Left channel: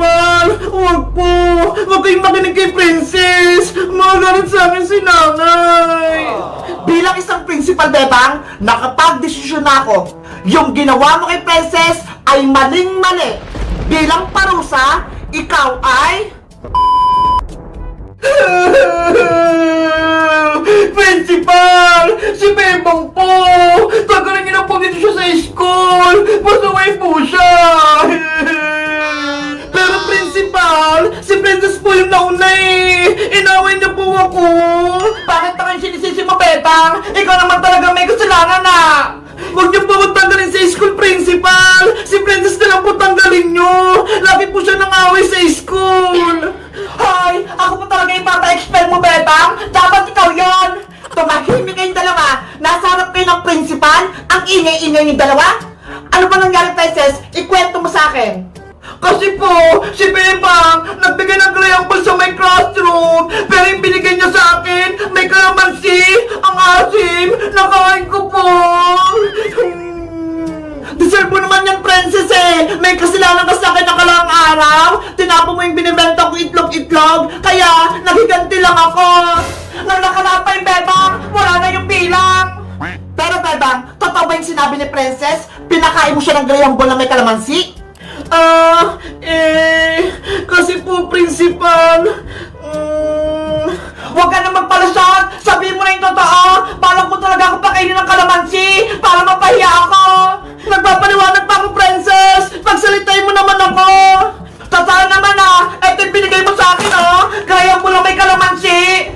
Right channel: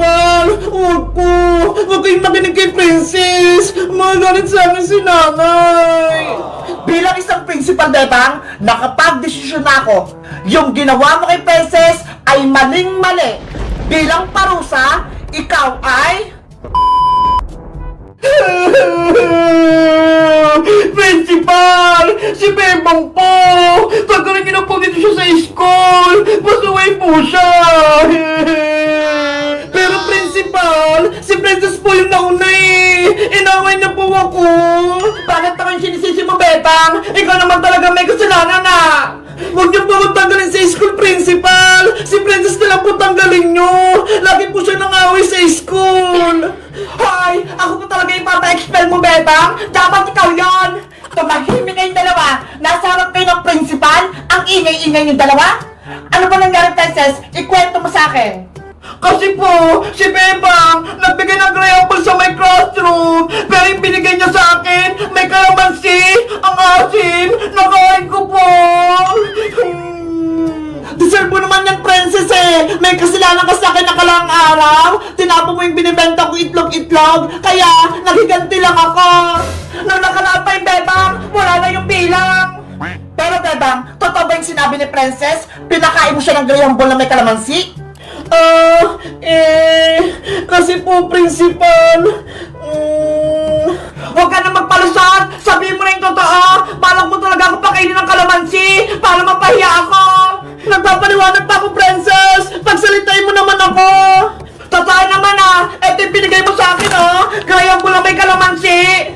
Principal! Huwag po! Huwag kayong makinig kay Princess! Magalit sa akin si nanay! Bilang isang principal, Bebang, nakapag-desisyon na ako. Yung ginawa mo kay Princess ay maling-mali. Bilang parusa, ikaw ay... Principal! Si Bebang po! Pagkaroon niyo na po dito siya sa school! Pasaway po siya! Pero Principal, si Princess po yung nauna eh! Inaway niya po ako! Bakit pa kayo sinisisi mo, Bebang? Ikaw naman talaga may kasalanan ah! Huwag niyo po magtanggalin sa school, Principal! Si Princess na lang po tanggalin niyo! Lagi po siya nangaway sa school! Hoy! Ako po talaga yung papa-expel mo, Bebang! Dapat ikaw yon! Tumahimik kayong dalawa! Nasa harap kayo ng Principal! Ang ingay-ingay yung dalawa! Ano ba nangyari, Princess? Ikwento mo sa akin! Kasi po, si Bebang nagbigay ng crayonball sa may classroom, pero yung binigay niya sa akin, may kalamansi, ang asim, nakain ko po. Deserve mo naman yan, Princess eh. May kasalanan ka sa akin nakalaang araw. Tinapo mo yung binibenta ko itlog-itlog, kaya naghiganti lang ako. Nang nakalapa yung Bebang, wala na yung bilang. Pero Bebang, totoo ba yung sinabi ni Princess? Pinakain mo siya ng crayonball na may kalamansi? Kasi po, Principal, huwag ka na magpalusot! Sabihin mo na yung totoo! Balak mo talaga ako pakainin ng kalamansi para mapahiya ako! Nagpapaliwanag pa ako, Princess! Pagsalitain mo naman ako! Totoo naman ah! Ito yung binigay mo sa akin oh! Kaya mo lang may kalamansi!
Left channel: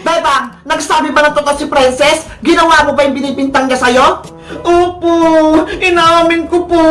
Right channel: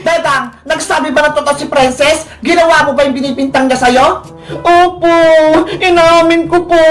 Bebang, nagsabi ba ng totoo si Princess? Ginawa mo ba yung binibintang niya sa'yo? Opo, inaamin ko po.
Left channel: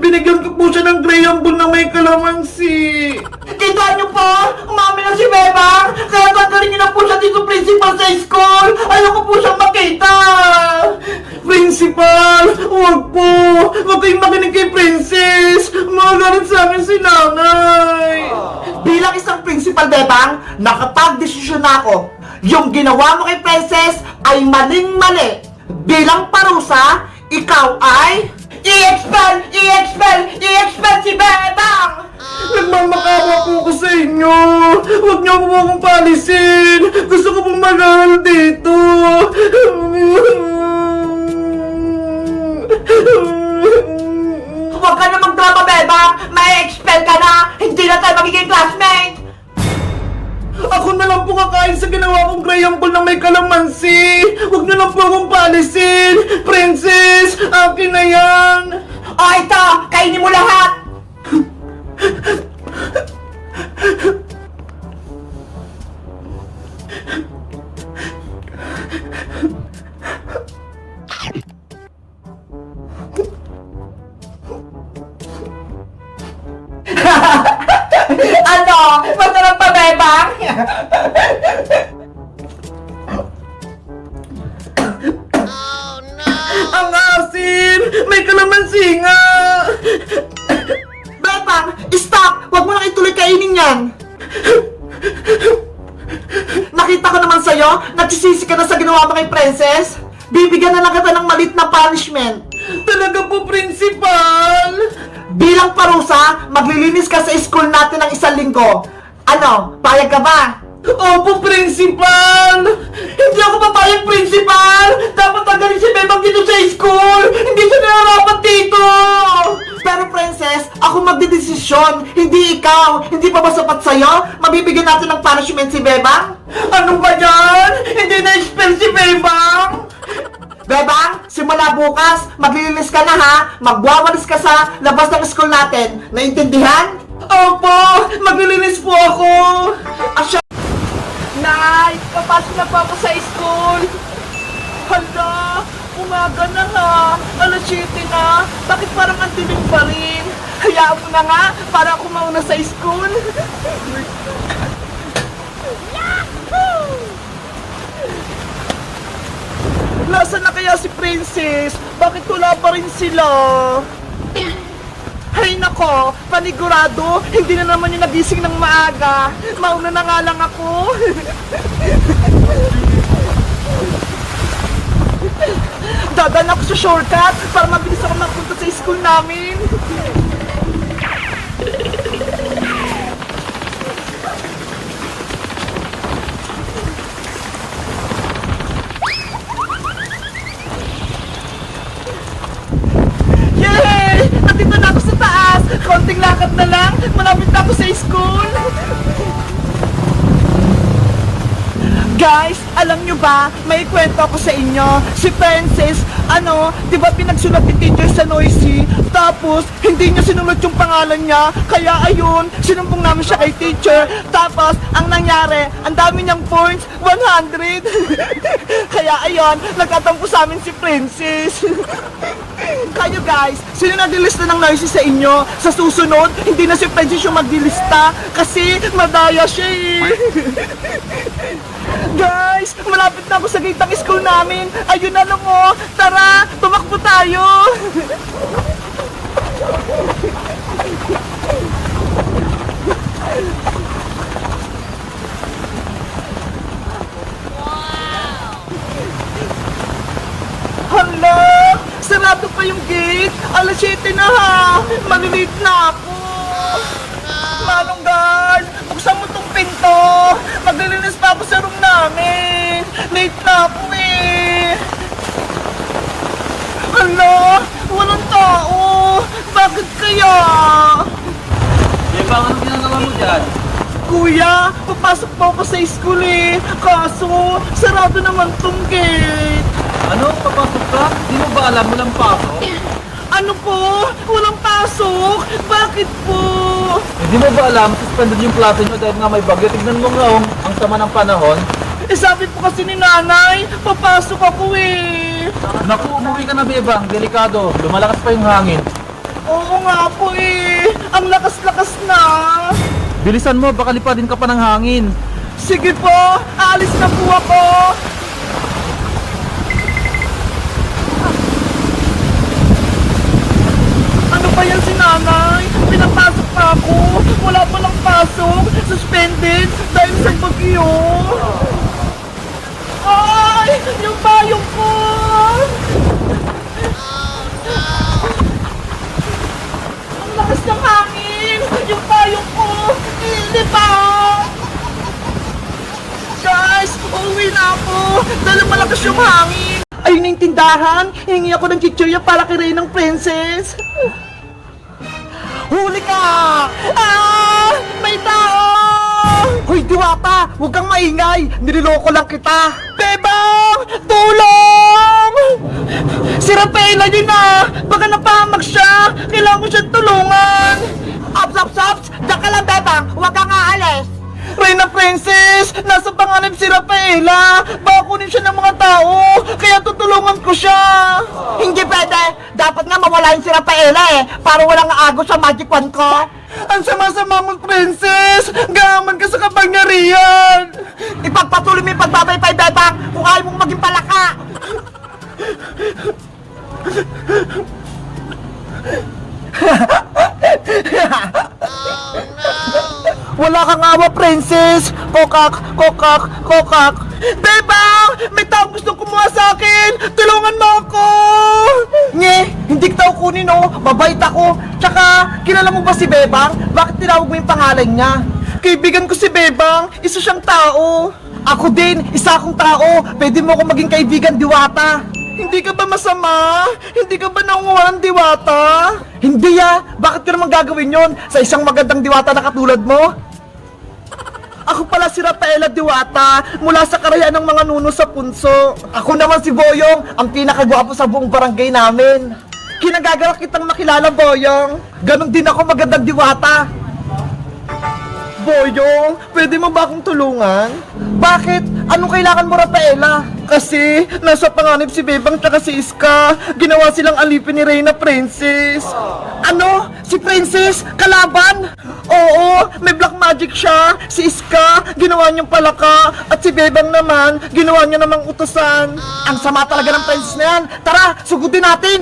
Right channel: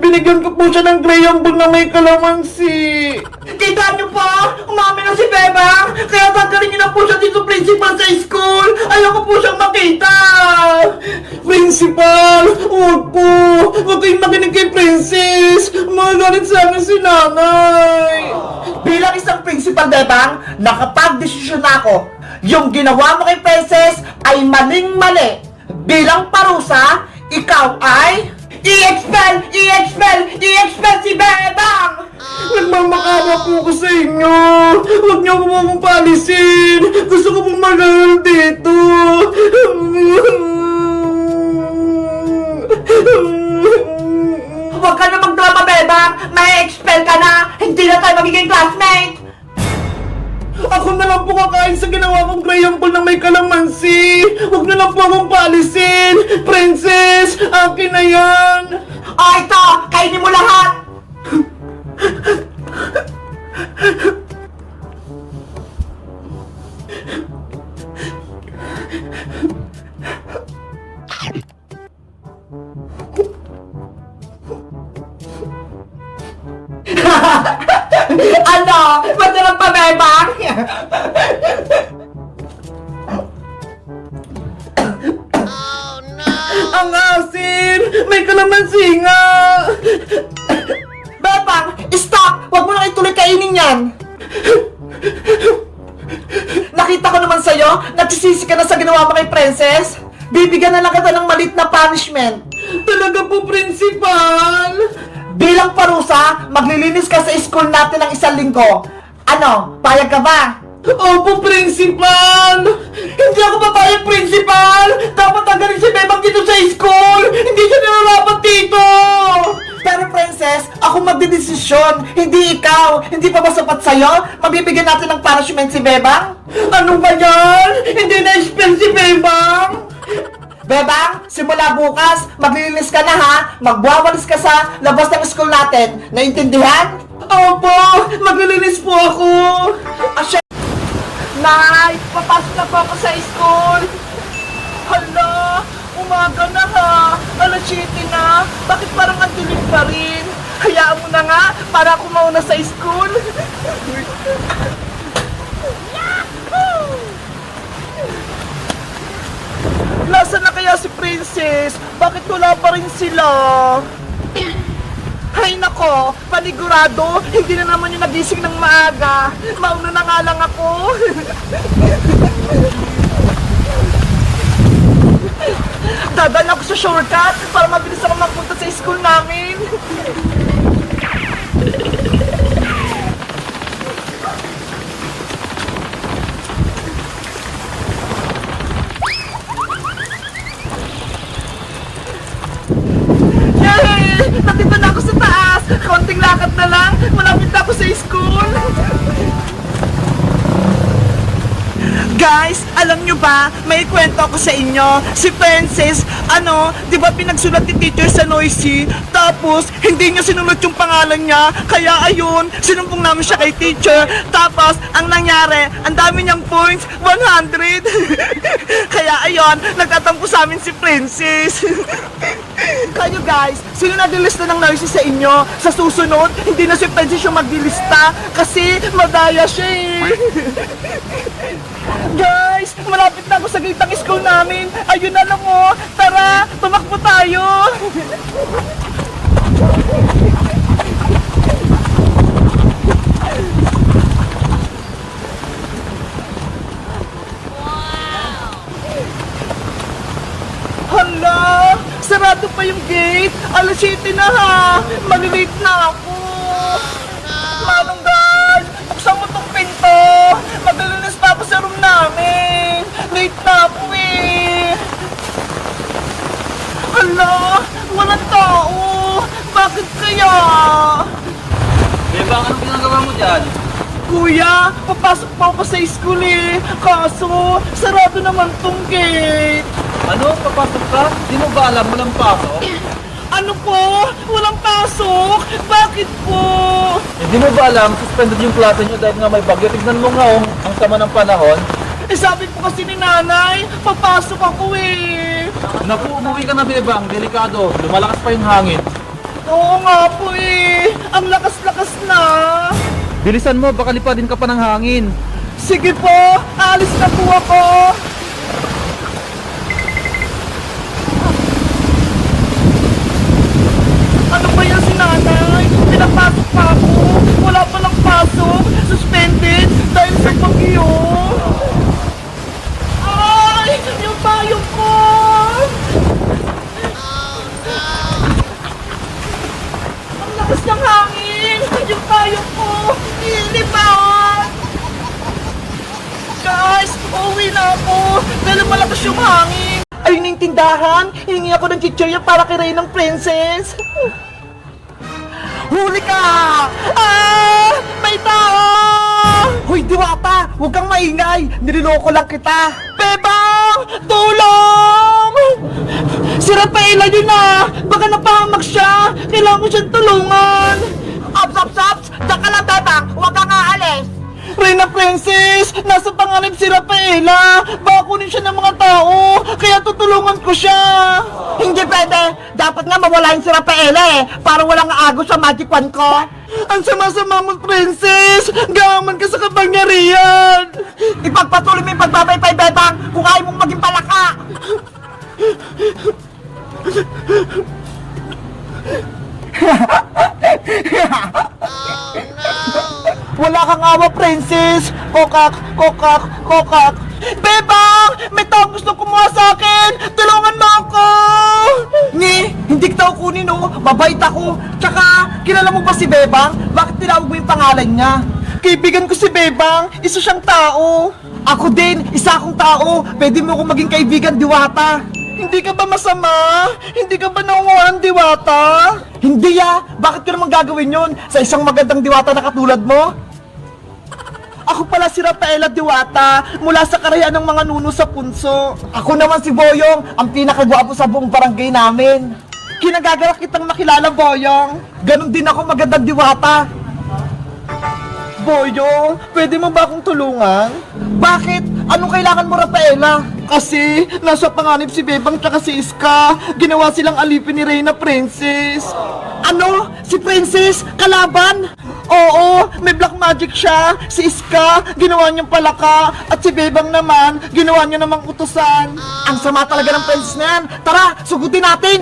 Binigyan ko po siya ng crayonball na may kalamansi. Kita niyo po, umamin na si Bebang. Kaya tanggalin niyo na po siya dito, Principal, sa school. Ayoko po siyang makita. Principal, huwag po. Huwag kayong makinig kay Princess. Magalit sa akin si nanay. Bilang isang Principal, Bebang, nakapag-desisyon na ako. Yung ginawa mo kay Princess ay maling-mali. Bilang parusa, ikaw ay... I-expel! I-expel! I-expel si Bebang! Nagmamakawa po ko sa inyo! Huwag niyo po akong paalisin! Gusto ko pong mag-aaral dito! Huwag ka na magdrama, Bebang! May expel ka na! Hindi na tayo magiging classmate! Ako na lang po kakain sa ginawa kong crayonball na may kalamansi. Huwag na lang po akong paalisin. Princess, akin na yan. Ito, kainin mo lahat. Ano? Masarap pa, Bebang? Oh no! Ang asim! May kalamansi nga! Bebang, stop! Huwag mo na ituloy kainin yan! Nakita ko naman sa'yo, nagsisisi ka na sa ginawa mo kay Princess. Bibigyan na lang kita ng malit na punishment. Talaga po, Principal! Bilang parusa, maglilinis ka sa school natin ng 1 linggo. Ano, payag ka ba? Opo, Principal! Hindi ako papayag, Principal! Dapat tanggalin si Bebang dito sa school! Hindi siya nararapat dito! Pero Princess, ako magdedesisyon, hindi ikaw. Hindi pa ba sapat sa'yo? Mabibigyan natin ng punishment si Bebang? Ano ba yan? Hindi na-expel si Bebang! Bebang, simula bukas, maglilinis ka na ha. Magwawalis ka sa labas ng school natin. Naintindihan? Opo, maglilinis po ako. Asya. Nay, papasok na po ako sa school. Hala, umaga na ha. Alas 7 na. Bakit parang ang dilim pa rin? Hayaan mo na nga, para ako mauna sa school. Nasaan na kaya si Princess? Bakit wala pa rin sila? Hay nako, panigurado, hindi na naman yung nagising ng maaga. Mauna na nga lang ako. Dadaan ako sa shortcut para mabilis ako makapunta sa school namin. Nandito na ako sa taas! Konting lakad na lang! Malapit na ako sa school! Guys, alam nyo ba, may kwento ako sa inyo. Si Princess, di ba pinagsulat ni teacher sa Noisy? Tapos, hindi niya sinunod yung pangalan niya. Kaya ayun, sinumbong namin siya kay teacher. Tapos, ang nangyari, ang dami niyang points, 100. Kaya ayun, nagtatampo sa amin si Princess. Kayo guys, sino nagdilista ng Noisy sa inyo? Sa susunod, hindi na si Princess yung magdilista kasi madaya siya eh. Guys, malapit na ako sa gate ng school namin. Ayun na lang oh. Tara, tumakbo tayo. Hala, sarado pa yung gate. Alas 7 na ha. Malilate na ako. Manong guard, buksan mo tong pinto. Maglilinis pa ako sa room namin. Late na ako eh. Hala, walang tao. Bakit kaya? Bebang, anong ginagawa mo dyan? Kuya, papasok pa ako sa school eh. Kaso, sarado naman tong gate. Ano? Papasok ka? Di mo ba alam walang pasok? Ano po? Walang pasok? Bakit po? Hindi mo ba alam, suspended yung klase nyo dahil nga may bagyo. Tignan mo nga oh, ang sama ng panahon. Eh sabi po kasi ni nanay, papasok ako eh. Naku, umuwi ka na Bebang, delikado. Lumalakas pa yung hangin. Oo nga po eh. Ang lakas-lakas na. Bilisan mo, baka lipadin ka pa ng hangin. Sige po, aalis na po ako. Ano ba yan si nanay? Pinapasok pa ako. Wala palang pasok. Suspended dahil sa bagyo. Ay! Yung payong ko! Ang lakas ng hangin! Yung payong ko! Ilipat! Guys! Uuwi na ako! Dahil malakas yung hangin! Ayun na yung tindahan! Hingi ako ng chichirya para kay Reynang Princess! Huli ka! Ah! May tao! Hoy, Diwata! Huwag kang maingay! Nililoko lang kita! Bebang! Tulong! Si Rafaela yun na! Baka napahamak siya! Kailangan ko siyang tulungan! Ops! Diyan ka lang, Bebang. Huwag kang aalis. Reyna Princess! Nasa panganib si Rafaela! Baka kunin siya ng mga tao! Kaya tutulungan ko siya! Hindi pwede. Dapat nga mawalain si Rafaela eh. Para walang agos sa magic wand ko. Ang sama-sama mo, Princess! Gaman ka sa kapangyarihan! Ipagpatuloy mo yung pagbabaypay, Bebang. Kung ayaw mong maging palaka. Wala kang awa, Princess! Kokak! Bebang! May taong gustong kumuha sa akin! Tulungan mo ako! Nye, hindi kita kunin oh! Mabait ako! Tsaka, kilala mo ba si Bebang? Bakit tinawag mo yung pangalan niya? Kaibigan ko si Bebang! Isa siyang tao! Ako din! Isa akong tao! Pwede mo akong maging kaibigan, Diwata! Hindi ka ba masama? Hindi ka ba nangunguha ng Diwata? Hindi ah! Bakit ko naman gagawin yon sa isang magandang Diwata na katulad mo? Ako pala si Rafaela Diwata mula sa karayaan ng mga nuno sa punso. Ako naman si Boyong, ang pinakagwapo sa buong barangay namin. Kinagagalak kitang makilala, Boyong. Ganon din ako magandang Diwata. Boyong, pwede mo ba akong tulungan? Bakit? Anong kailangan mo, Rafaela? Kasi, nasa panganib si Bebang tsaka si Iska. Ginawa silang alipin ni Reyna Princess. Ano? Si Princess? Kalaban? Oo, may black magic siya. Si Iska, ginawa niyang palaka. At si Bebang naman, ginawa niya namang utusan. Ang sama talaga ng Princess na yan. Tara, sugudin natin!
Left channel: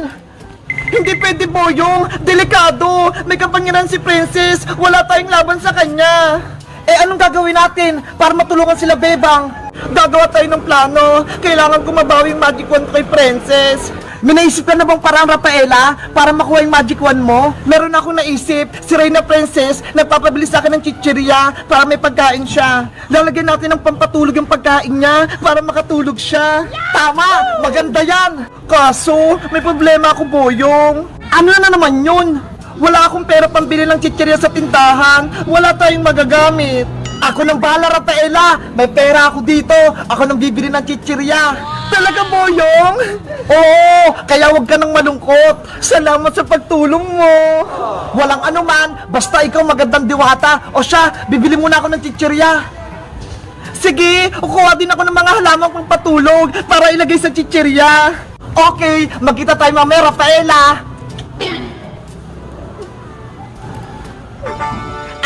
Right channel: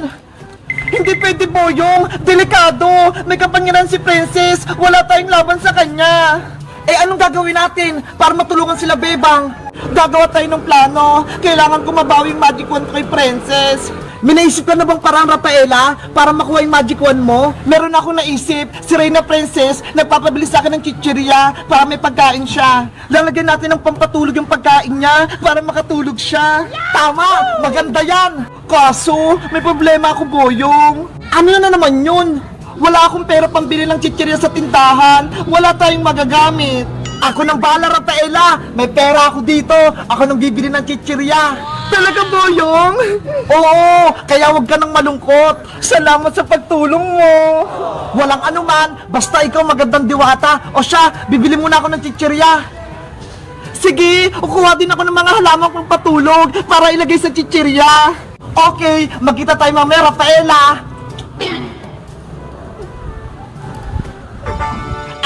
Hindi pwede, Boyong. Delikado. May kapangyarihan si Princess. Wala tayong laban sa kanya. Eh, anong gagawin natin para matulungan sila, Bebang? Gagawa tayo ng plano. Kailangan ko mabawi yung magic wand kay Princess. May naisip ka na bang parang, Rafaela, para makuha yung magic wand mo? Meron akong naisip. Si Reyna Princess nagpapabili sa akin ng chichirya para may pagkain siya. Lalagyan natin ng pampatulog yung pagkain niya para makatulog siya. Tama! Maganda yan! Kaso, may problema ako, Boyong. Ano na naman yun? Wala akong pera pambili ng chichirya sa tindahan. Wala tayong magagamit. Ako nang bahala, Rafaela. May pera ako dito. Ako nang bibili ng chichirya. Talaga, Boyong? Oo, kaya huwag ka nang malungkot. Salamat sa pagtulong mo. Walang anuman, basta ikaw magandang diwata. O siya, bibili muna ako ng chichirya. Sige, kukuha din ako ng mga halaman kong patulog para ilagay sa chichirya. Okay, magkita tayo mamaya, Rafaela.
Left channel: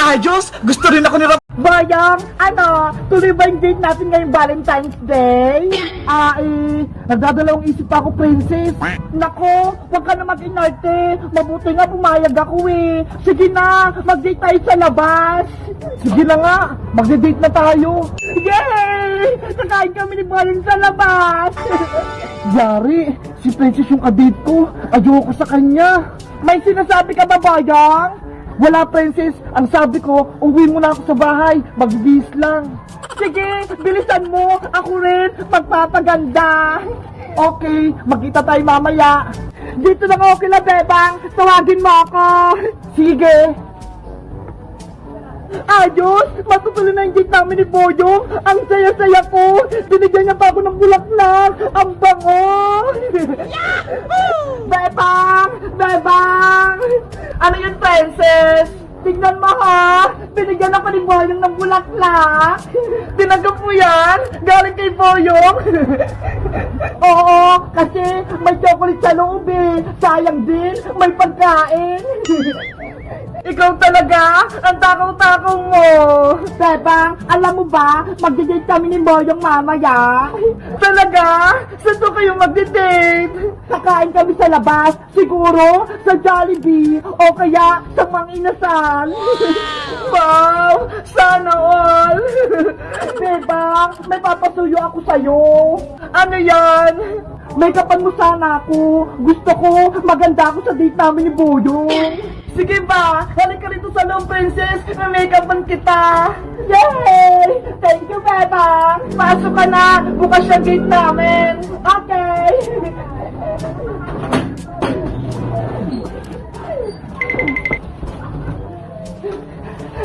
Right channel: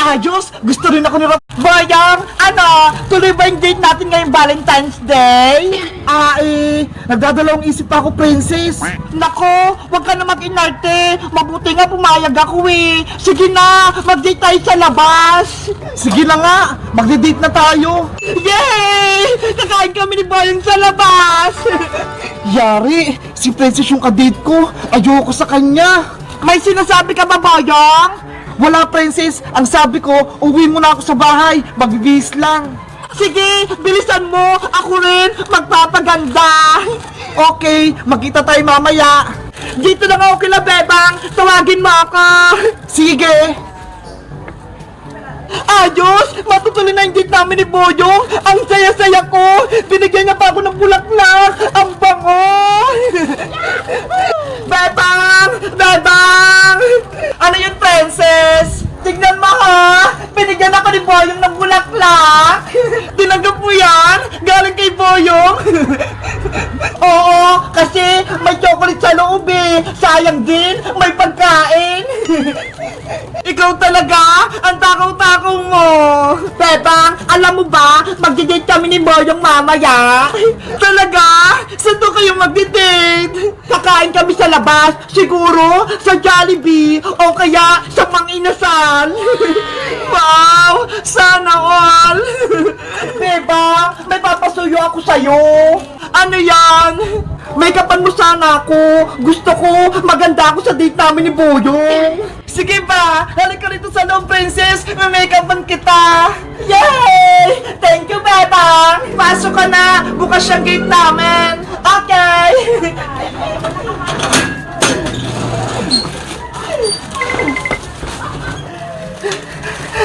Ayos, gusto rin ako ni Boyong, ano, tuloy ba yung date natin ngayong Valentine's Day? Nagdadalawang isip pa ako, princess. Nako, wag ka na mag-inarte. Mabuti nga pumayag ako eh. Sige na, mag-date tayo sa labas. Sige na nga, magde-date na tayo. Yay! Kakain kami ni Boyong sa labas. Yari, si princess yung kadate ko. Ayoko sa kanya. May sinasabi ka ba, Boyong? Wala, princess. Ang sabi ko, uwi muna ako sa bahay. Magbibihis lang. Sige, bilisan mo. Ako rin, magpapaganda. Okay, magkita tayo mamaya. Dito lang ako kila Bebang. Tawagin mo ako. Sige. Ayos! Matutuloy na yung date namin ni Boyong! Ang saya-saya ko! Binigyan niya pa ako ng bulaklak! Ang bango! Bebang! Bebang! Ano yun, princess? Tignan mo ha! Binigyan ako ni Boyong ng bulaklak! Tinanggap mo yan? Galing kay Boyong? Oo, kasi may chocolate sa loob eh! Sayang din, may pagkain! Ikaw talaga, ang takaw-takaw mo! Bebang, alam mo ba, magdi-date kami ni Boyong mamaya? Talaga? Saan to kayo magdi-date? Kakain kami sa labas, siguro sa Jollibee o kaya sa Mang Inasal. Wow! Sana all! Bebang, may papasuyo ako sa'yo. Ano yan? May kapan mo sana ako. Gusto ko, maganda ako sa date namin ni Boyong. Sige ba? Halika rito sa loob, princess. May make-upan kita. Yay! Thank you, Bebang. Pasok ka na. Bukas yung gate namin. Okay.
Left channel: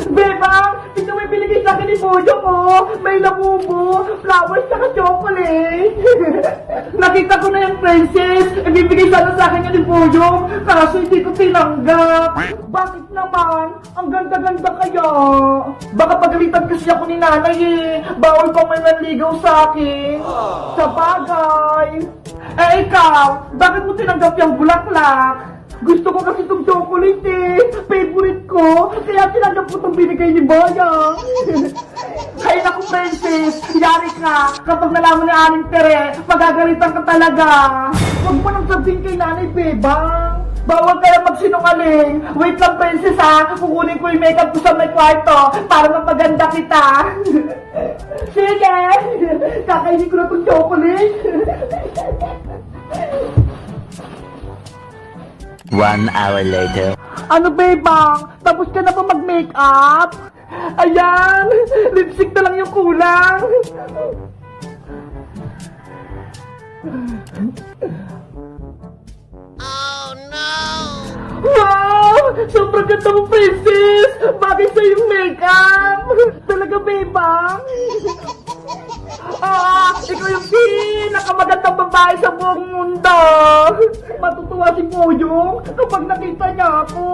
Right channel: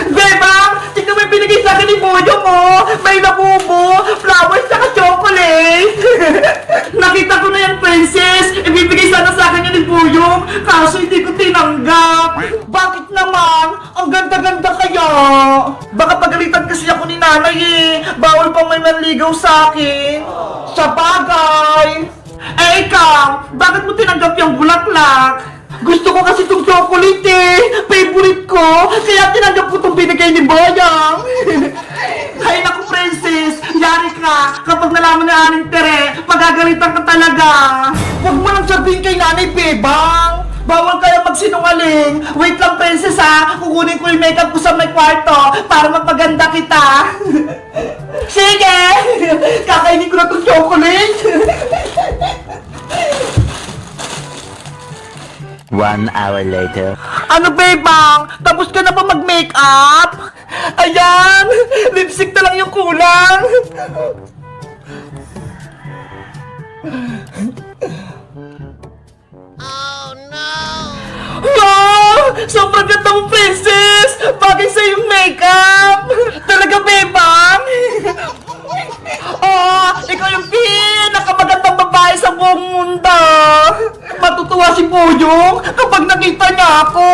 Bebang! Tignan mo yung binigay sa akin ni Boyong mo! May labubo, flowers, saka chocolate! Nakita ko na yan, princess! Ibibigay sana sa akin yan ni Boyong, kaso hindi ko tinanggap! Bakit naman? Ang ganda-ganda kaya! Baka pagalitan kasi ako ni nanay eh! Bawal pang may manligaw sa akin! Sa bagay! Eh ikaw, bakit mo tinanggap yung bulaklak? Gusto ko kasi itong chocolate eh! Favorite ko! Kaya tinanggap ko itong binigay ni Boyong! Ay naku, princess! Yari ka! Kapag nalaman na aning tere, magagalitan ka talaga! Huwag mo nang sabihin kay nanay, Bebang! Bawal kaya magsinungaling! Wait lang, princess ha! Kukunin ko yung makeup ko sa may kwarto para mapaganda kita! Sige! Kakainin ko na itong chocolate! 1 hour later. Ano, Bebang? Tapos ka na ba mag-makeup? Ayan! Lipstick na lang yung kulang! Oh, no! Wow! Sobrang ganda mo, princess! Bagay sa yung makeup! Talaga, Bebang? Oh, ikaw yung pinakamagandang babae sa buong mundo! Matutuwa si Boyong kapag nakita niya ako!